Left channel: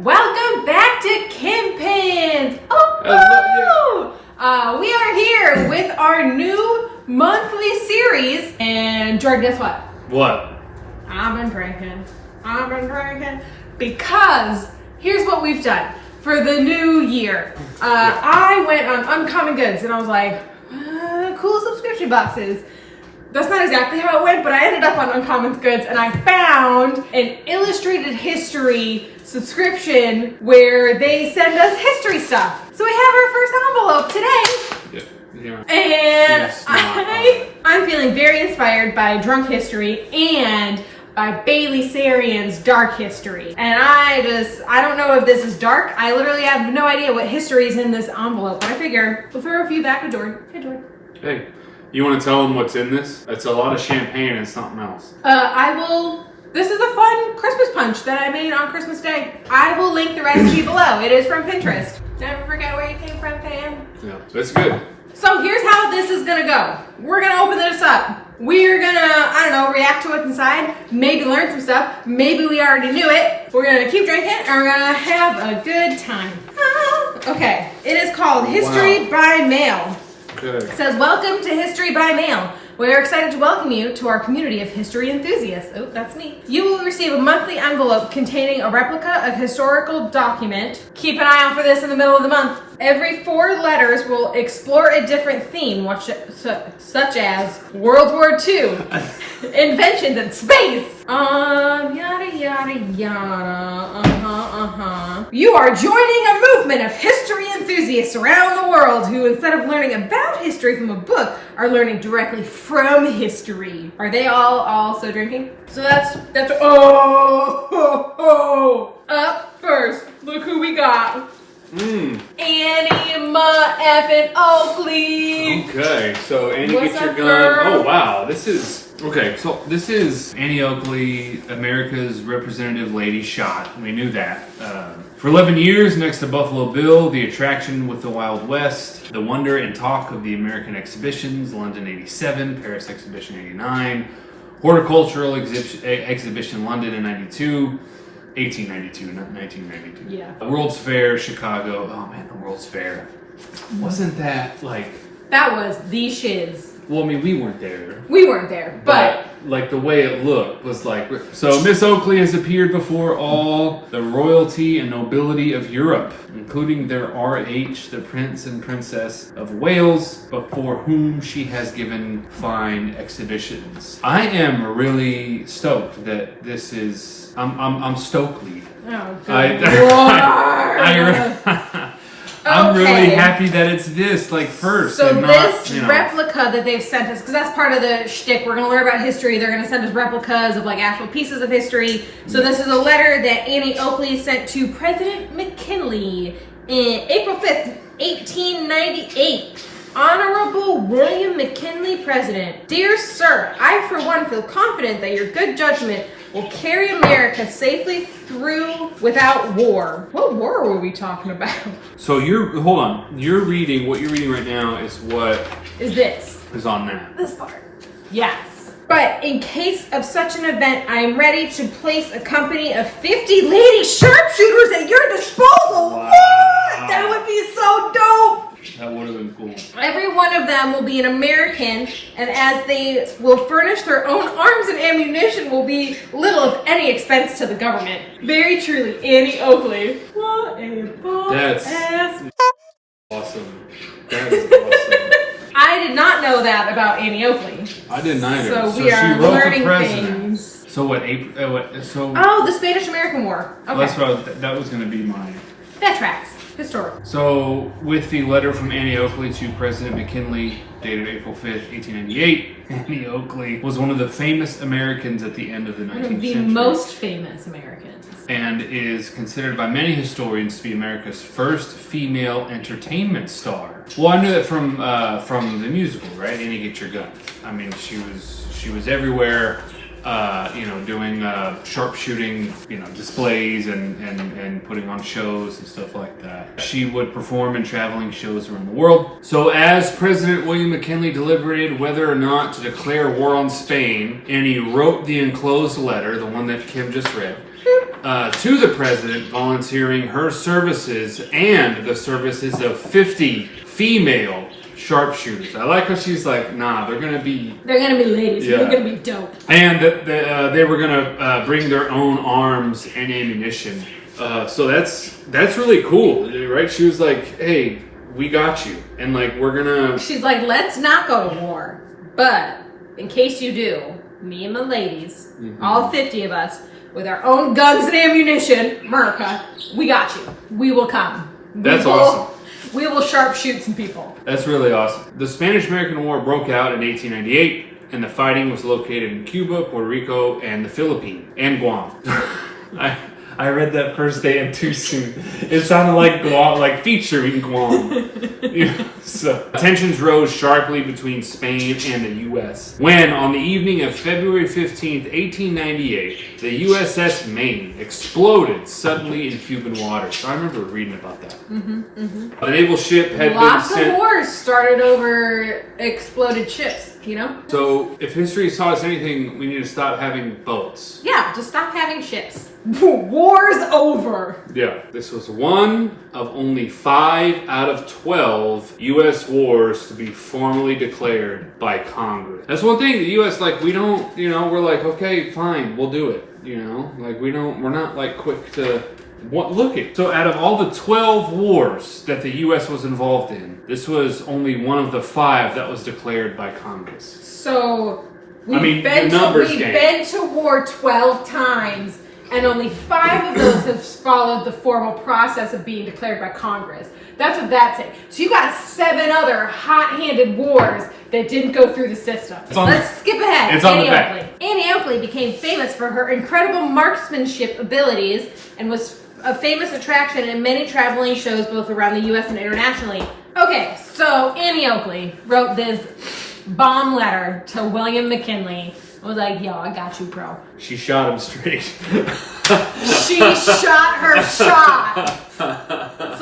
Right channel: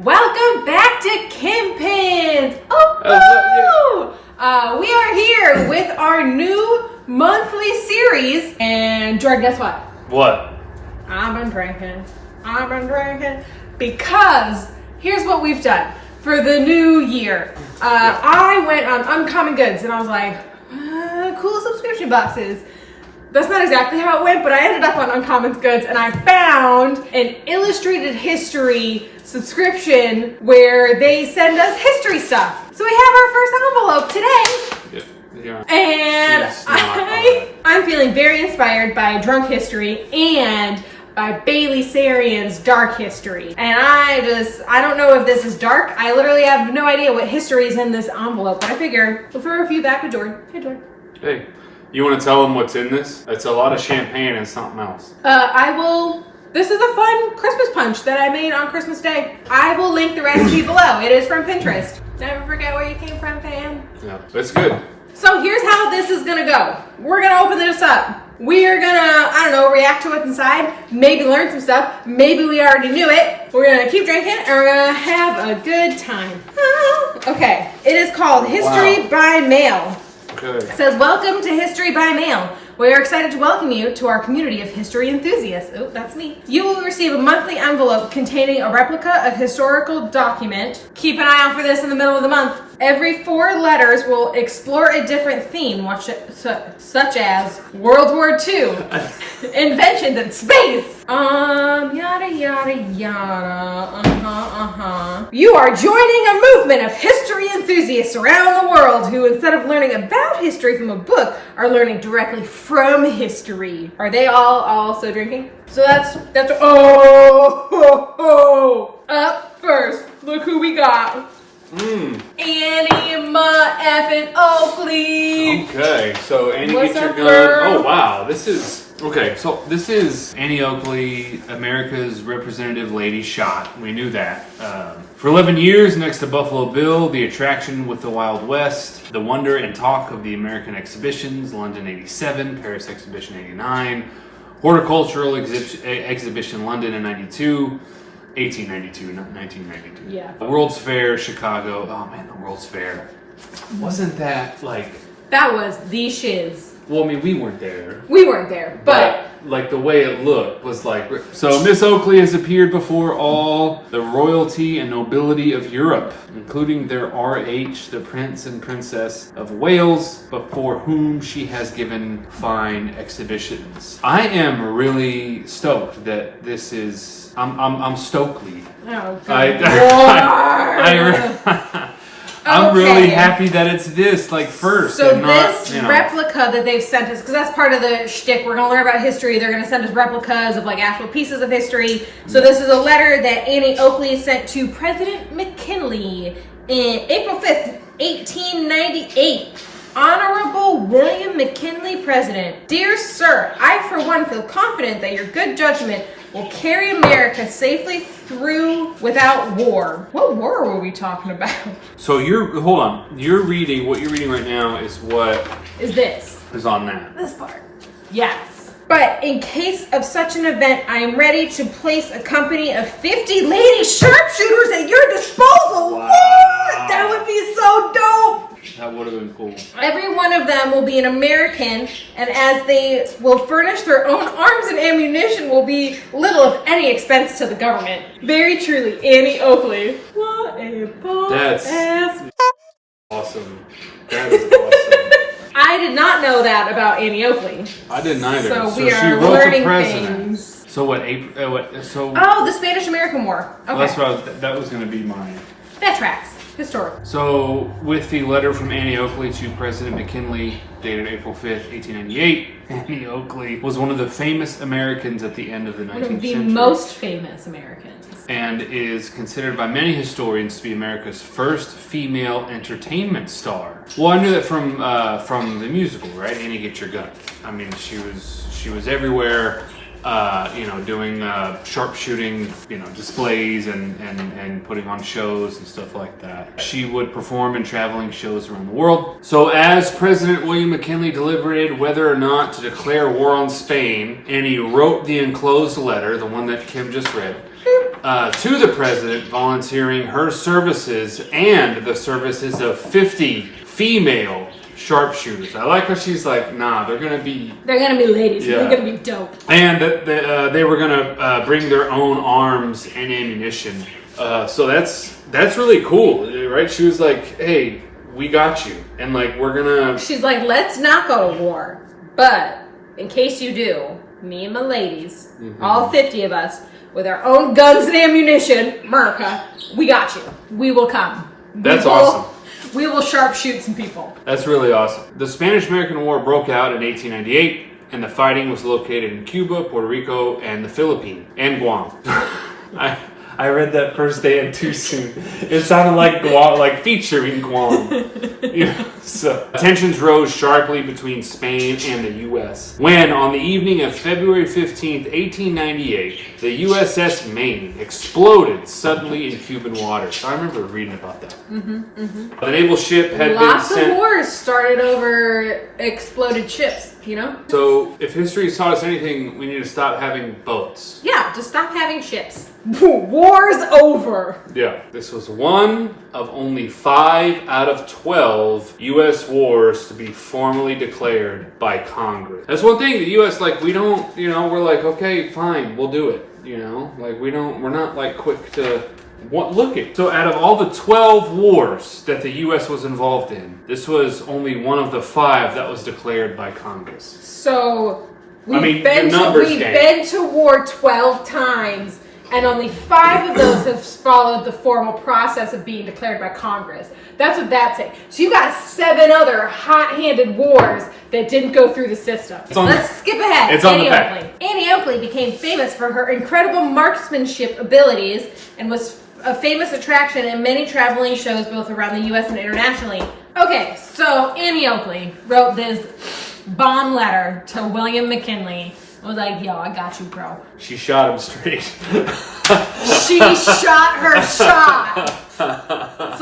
Welcome back to Kim Pins. We are here with our new monthly series. And Jord, guess what? What? I've been drinking. Because here's what we've done for the new year. I went on Uncommon Goods and I was like, cool subscription boxes. That's not exactly how it went, but I ended up on Uncommon Goods and I found an illustrated history subscription where they send us history stuff. So we have our first envelope today. Yeah. And I'm feeling very inspired by Drunk History and by Bailey Sarian's Dark History. And I don't know if this is dark. I literally have no idea what history is in this envelope. But I figure we'll throw a few back to Jord. Hey, Jord. Hey, you want to tell them what's in this? It's a lot of champagne and something else. This is a fun Christmas punch that I made on Christmas Day. I will link the recipe below. It is from Pinterest. Never forget where you came from, fam. Yeah, that's good. So here's how this is gonna go. We're gonna open this up. We are gonna, react to what's inside. Maybe learn some stuff. Maybe we already knew it. We're gonna keep drinking and we're gonna have a good time. Okay, it is called History by Mail. Okay. It says, welcome to History by Mail. We are excited to welcome you to our community of history enthusiasts. Oh, that's me. You will receive a monthly envelope containing a replica of historical document. Keep an eye out for this in the middle of the month. Every 4 letters will explore a different theme, such as World War II, inventions in space, yada, yada, yada, You are joining a movement of history enthusiasts around the world who, instead of learning about history from a book, are learning directly from history. Are they all also drinking? So that's up first. Look who we got. Annie effing Oakley. Okay, so Annie, What's get your up, gun. girl? Oh wow, this is Annie Oakley, America's representative lady shot. We knew that. For 11 years, next to Buffalo Bill, the attraction with the Wild West, the wonder and talk of the American exhibitions, London '87, Paris Exhibition '89, Horticultural Exhibition London in '92. 1892, not 1992. Yeah. The World's Fair, Chicago. Oh man, the World's Fair. Wasn't that like... That was the shiz. Well, I mean, we weren't there. We weren't there, but like the way it looked was like... So Miss Oakley has appeared before all the royalty and nobility of Europe, including their RH, the Prince and Princess of Wales, before whom she has given fine exhibitions. I am really stoked that this is... I'm Stokely. Oh, good Lord. I'm really happy that it's this, like, first. So and this not, replica that they've sent us, because that's part of the shtick. We're going to learn about history. They're going to send us replicas of, like, actual pieces of history. So this is a letter that Annie Oakley sent to President McKinley in April 5th, 1898. Honorable William McKinley, President. Dear Sir, I for one feel confident that your good judgment will carry America safely through without war. What war were we talking about? So what you're reading right now is what Is this. is on that. This part. Yes. But in case of such an event, I am ready to place a company of 50 lady sharpshooters at your disposal. Wow. What? That would be so dope. That would have been cool. Every one of them will be an American, and as they will furnish their own arms and ammunition, will be little, if any, expense to the government. Very truly, Annie Oakley. What a boss ass. Awesome. That is awesome. I did not know that about Annie Oakley. I didn't either. So she we are wrote learning the president. things. So what? Oh, the Spanish-American War. Okay. Well, that's what that was going to be my... That tracks. Historical. So, with the letter from Annie Oakley to President McKinley, dated April 5th, 1898, Annie Oakley was one of the famous Americans at the end of the 19th century. The most famous Americans. And is considered by many historians to be America's first female entertainment star. Well, I knew that from the musical, right? Annie, Get Your Gun. I mean, she was everywhere. Doing sharpshooting, displays and putting on shows and stuff like that. She would perform in traveling shows around the world. So as President William McKinley deliberated whether or not to declare war on Spain, Annie wrote the enclosed letter, the one that Kim just read, to the president, volunteering her services and the services of 50 female sharpshooters. I like how she's like, nah, they're gonna be ladies. Yeah. They're gonna be dope. And that they were gonna bring their own arms and ammunition. So that's really cool, right? She was like, hey, we got you, and like She's like, let's not go to war, but in case you do, me and my ladies, all 50 of us, with our own guns and ammunition, America, we got you. We will come. That's awesome. We will sharpshoot some people. That's really awesome. The Spanish-American War broke out in 1898, and the fighting was located in Cuba, Puerto Rico, and the Philippines, and Guam. I read that first day and too soon. It sounded like Guam, like featuring Guam. So tensions rose sharply between Spain and the U.S. when, on the evening of February 15th, 1898, the USS Maine exploded suddenly in Cuban waters. I remember reading about that. The naval ship had Lots been sent... of wars started over exploded ships, you know? So, if history has taught us anything, we need to stop having boats. Yeah, just stop having ships. War's over. Yeah, this was one of only 5 out of 12 U.S. wars to be formally declared by Congress. That's one thing, the U.S., like, we don't, we're like, okay, fine, we'll do it, Like, we're not, like, quick to... Look it. So out of all the 12 wars that the U.S. was involved in, this was only one of the 5 that was declared by Congress. So we've been to war 12 times, and only 5 of those have followed the formal process of being declared by Congress. That's what that's saying. So you got 7 other hot-handed wars that didn't go through the system. Let's skip ahead. It's on the back. Annie Oakley became famous for her incredible marksmanship abilities and was a famous attraction in many traveling shows both around the U.S. and internationally. Okay, so Annie Oakley wrote this bomb letter to William McKinley. I was like, yo, I got you, bro. She shot him straight. She shot her shot. So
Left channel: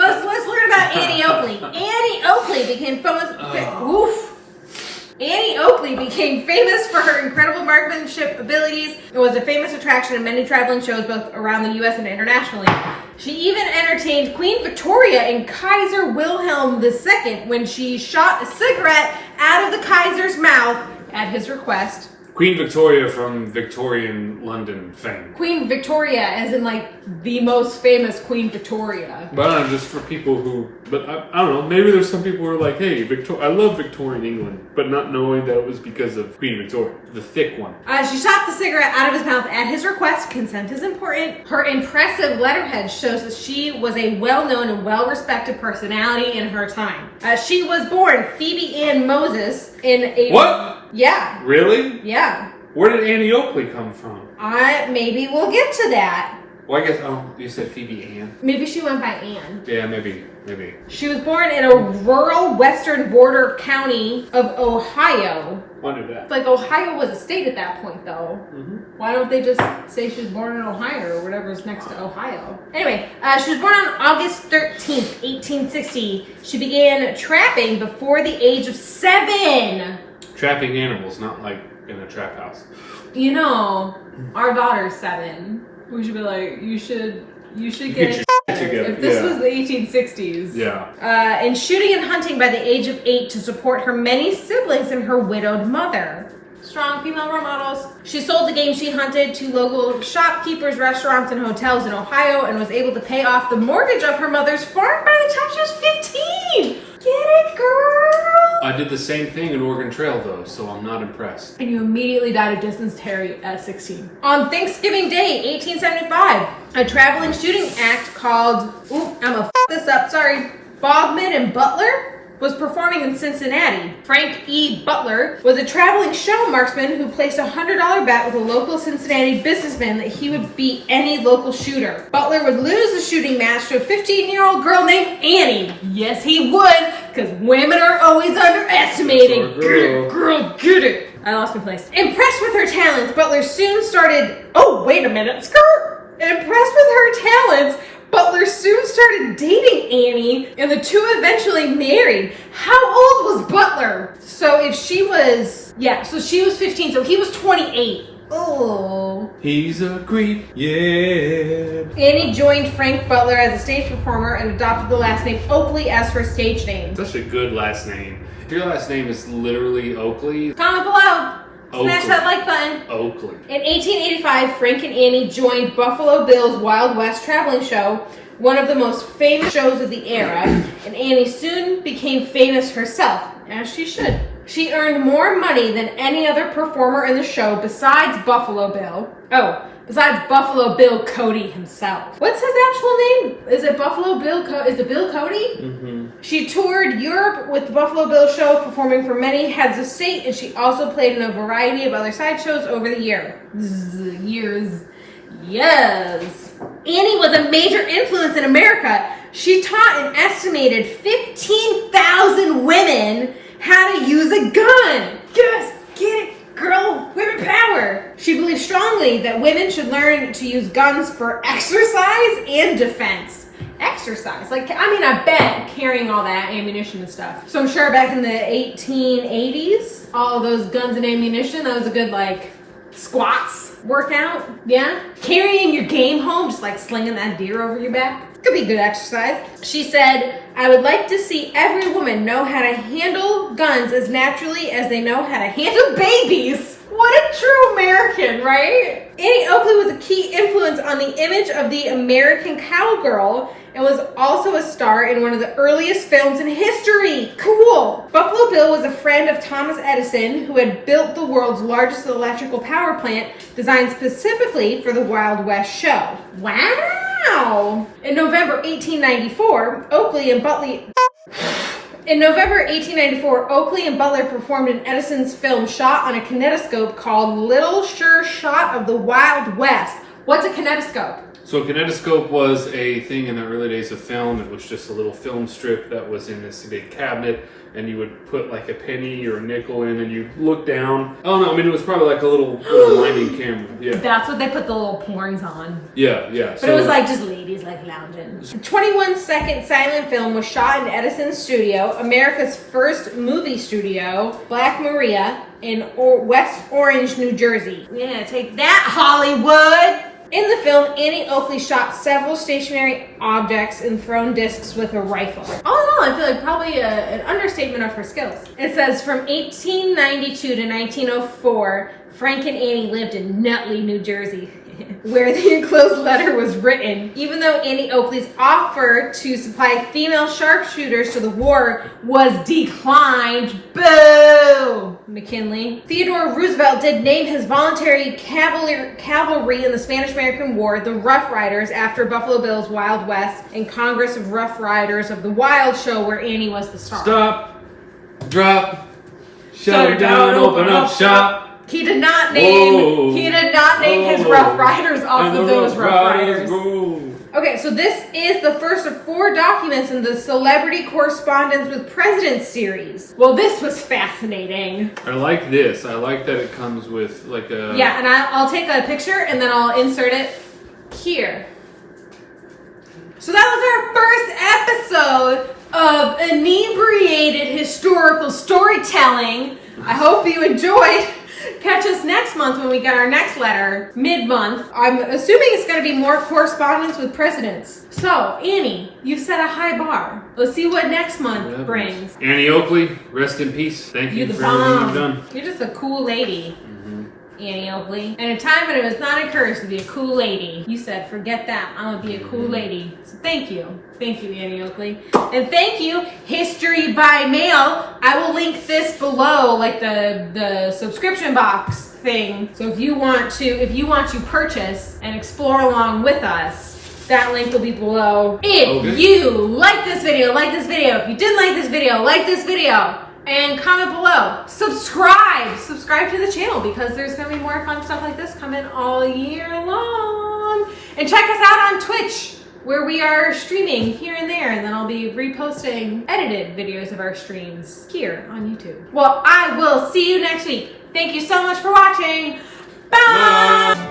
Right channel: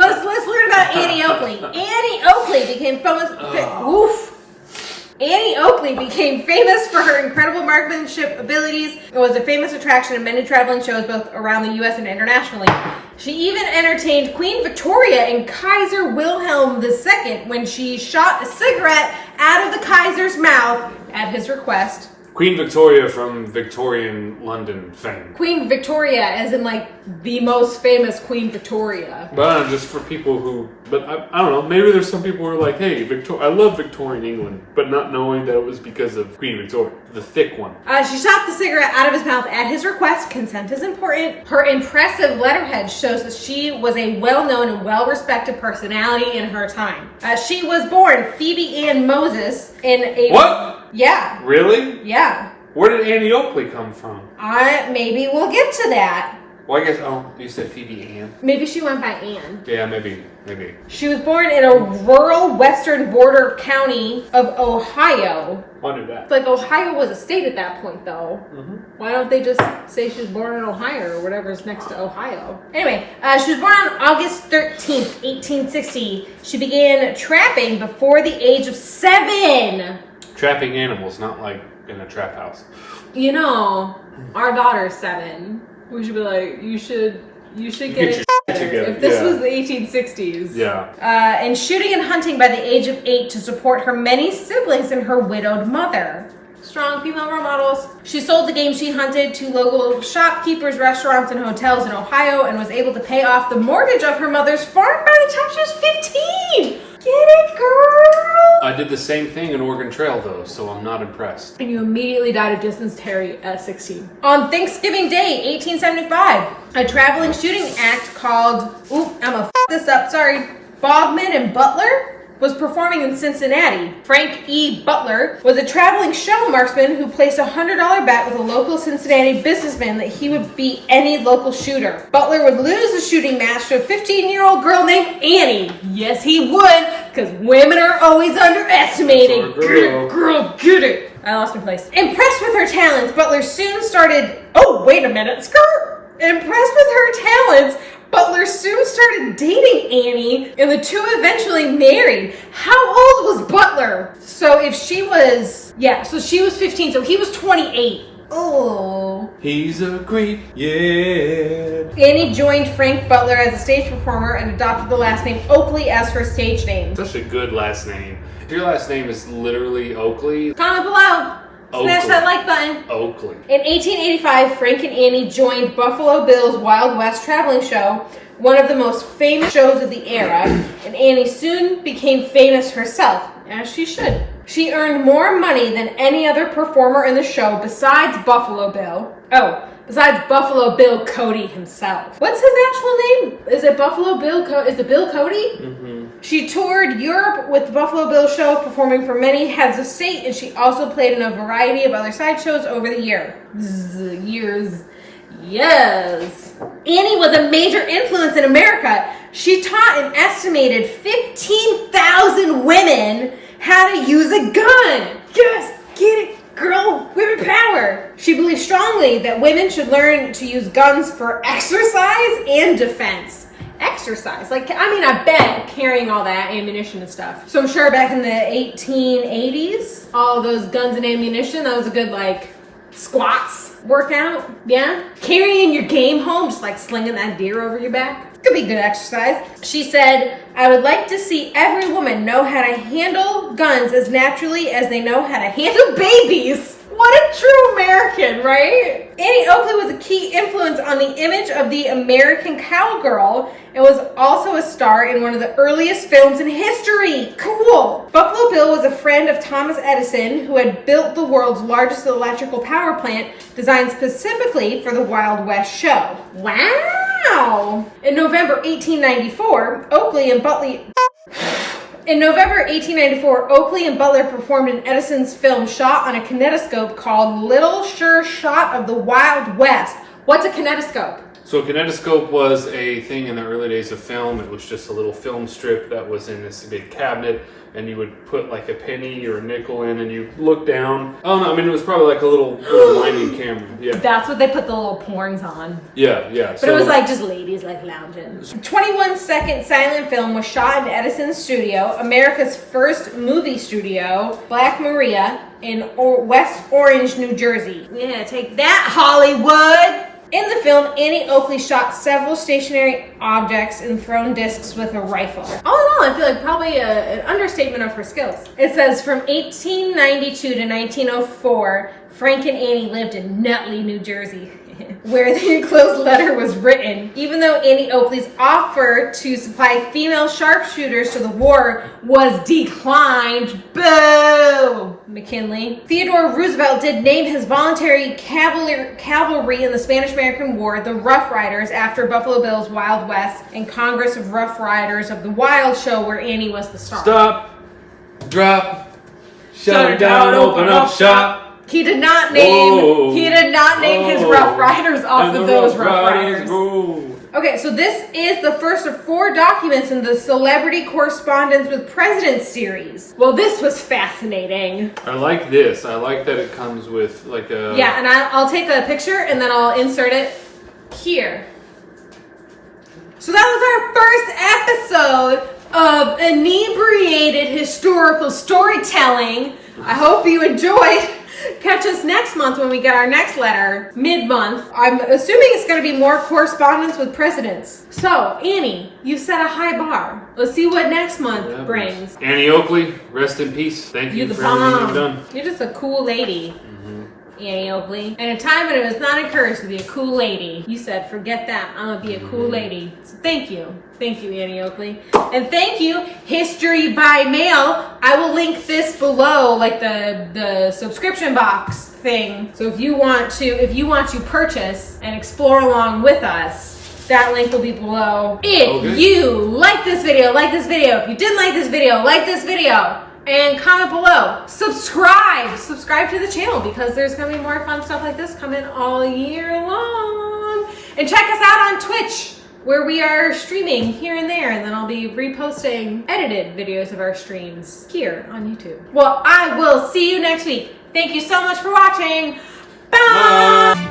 let's learn about Annie Oakley. Annie Oakley became famous. Annie Oakley became famous for her incredible marksmanship abilities and was a famous attraction in many traveling shows both around the U.S. and internationally. She even entertained Queen Victoria and Kaiser Wilhelm II when she shot a cigarette out of the Kaiser's mouth at his request. Queen Victoria from Victorian London fame. Queen Victoria, as in like the most famous Queen Victoria. But I don't know, just for people who, but I don't know, maybe there's some people who are like, hey, I love Victorian England, but not knowing that it was because of Queen Victoria, the thick one. She shot the cigarette out of his mouth at his request. Consent is important. Her impressive letterhead shows that she was a well-known and well-respected personality in her time. She was born Phoebe Ann Moses in a... What? Yeah. Really? Yeah. Where did Annie Oakley come from? Maybe we'll get to that. Well, I guess, you said Phoebe Ann. Maybe she went by Ann. Yeah, maybe. She was born in a rural western border county of Ohio. Wondered that. Like, Ohio was a state at that point, though. Why don't they just say she was born in Ohio or whatever's next to Ohio? Anyway, she was born on August 13th, 1860. She began trapping before the age of 7. Trapping animals, not like in a trap house. Our daughter's 7. We should be like, you should get it together. If this was the 1860s. Yeah. And shooting and hunting by the age of 8 to support her many siblings and her widowed mother. Strong female role models. She sold the game she hunted to local shopkeepers, restaurants, and hotels in Ohio and was able to pay off the mortgage of her mother's farm by the time she was 15. Get it, girl? I did the same thing in Oregon Trail, though, so I'm not impressed. And you immediately died of dysentery at 16. On Thanksgiving Day, 1875, a traveling shooting act called, Bogman and Butler was performing in Cincinnati. Frank E. Butler was a traveling show marksman who placed a $100 bet with a local Cincinnati businessman that he would beat any local shooter. Butler would lose the shooting match to a 15-year-old girl named Annie. Yes, he would, because women are always underestimated. Get it, girl, get it. I lost my place. Impressed with her talents, Butler soon started... Oh, wait a minute, skirt! Impressed with her talents, Butler soon started dating Annie, and the two eventually married. How old was Butler? So if she was... Yeah, so she was 15, so he was 28. Oh. He's a creep, yeah. Annie joined Frank Butler as a stage performer and adopted the last name Oakley as her stage name. Such a good last name. If your last name is literally Oakley. Comment below. Smash Oakley. that like button. Oakley. In 1885, Frank and Annie joined Buffalo Bill's Wild West traveling show, one of the most famous shows of the era, and Annie soon became famous herself, as she should. She earned more money than any other performer in the show besides Buffalo Bill. Oh, besides Buffalo Bill Cody himself. What's his actual name? Is it Buffalo Bill Is it Bill Cody? Mm-hmm. She toured Europe with the Buffalo Bill show, performing for many heads of state, and she also played in a variety of other sideshows over the years. Yes. Annie was a major influence in America. She taught an estimated 15,000 women how to use a gun. Yes, get it, girl. Women power. She believed strongly that women should learn to use guns for exercise and defense. Exercise. I bet carrying all that ammunition and stuff. So I'm sure back in the 1880s, all of those guns and ammunition, that was a good, squats workout. Yeah? Carrying your game home, just slinging that deer over your back. Could be good exercise. She said, I would like to see every woman know how to handle guns as naturally as they know how to handle babies. What a true American, right? Annie Oakley was a key influence on the image of the American cowgirl and was also a star in one of the earliest films in history. Cool. Buffalo Bill was a friend of Thomas Edison, who had built the world's largest electrical power plant designed specifically for the Wild West show. Wow. In November 1894, Oakley and Butler performed in Edison's film shot on a kinetoscope called Little Sure Shot of the Wild West. What's a kinetoscope? So a kinetoscope was a thing in the early days of film. It was just a little film strip that was in this big cabinet, and you would put a penny or a nickel in, and you'd look down. Oh no, it was probably a little winding camera. Yeah. That's what they put the little porns on. Yeah. But it was just ladies lounging. A 21-second silent film was shot in Edison's studio, America's first movie studio, Black Maria, in West Orange, New Jersey. Yeah, take that, Hollywood! In the film, Annie Oakley shot several stationary objects and thrown discs with a rifle. All in all, I feel probably an understatement of her skills. It says, from 1892 to 1904, Frank and Annie lived in Nutley, New Jersey, where the enclosed letter was written. Even though Annie Oakley's offer to supply female sharpshooters to the war was declined, boo! McKinley. Theodore Roosevelt did name his voluntary cavalry in the Spanish-American War the Rough Riders after Buffalo Bill's Wild West and Congress of Rough Riders of the Wild show where Annie was the star. Stop. Drop. Shut her down. Open up shop. He did not name his Rough Riders off of those Rough Riders. Okay, so this is the first of 4 documents in the Celebrity Correspondence with Presidents series. Well, this was fascinating. I like this. I like that it comes with a... Yeah, and I'll take a picture and then I'll insert it here. So that was our first episode of Inebriated Historical Storytelling. I hope you enjoyed. Catch us next month when we get our next letter, mid-month. I'm assuming it's going to be more correspondence with presidents. So, Annie, you've set a high bar. Let's see what next month brings. Annie Oakley, rest in peace. Thank you for everything you've done. You're just a cool lady. Annie Oakley. And a time when it was not encouraged to be a cool lady. You said, forget that. I'm going to be a cool lady. So thank you. Thank you, Annie Oakley. And thank you, History by Mail. I will link this below, the subscription box thing. So if you want to purchase and explore along with us, that link will be below. If you like this video, like this video. If you didn't like this video, like this video. And comment below. Subscribe to the channel because there's going to be more fun stuff like this coming all year long. And check us out on Twitch, where we are streaming here and there, and then I'll be reposting edited videos of our streams here on YouTube. Well, I will see you next week. Thank you so much for watching. Bye!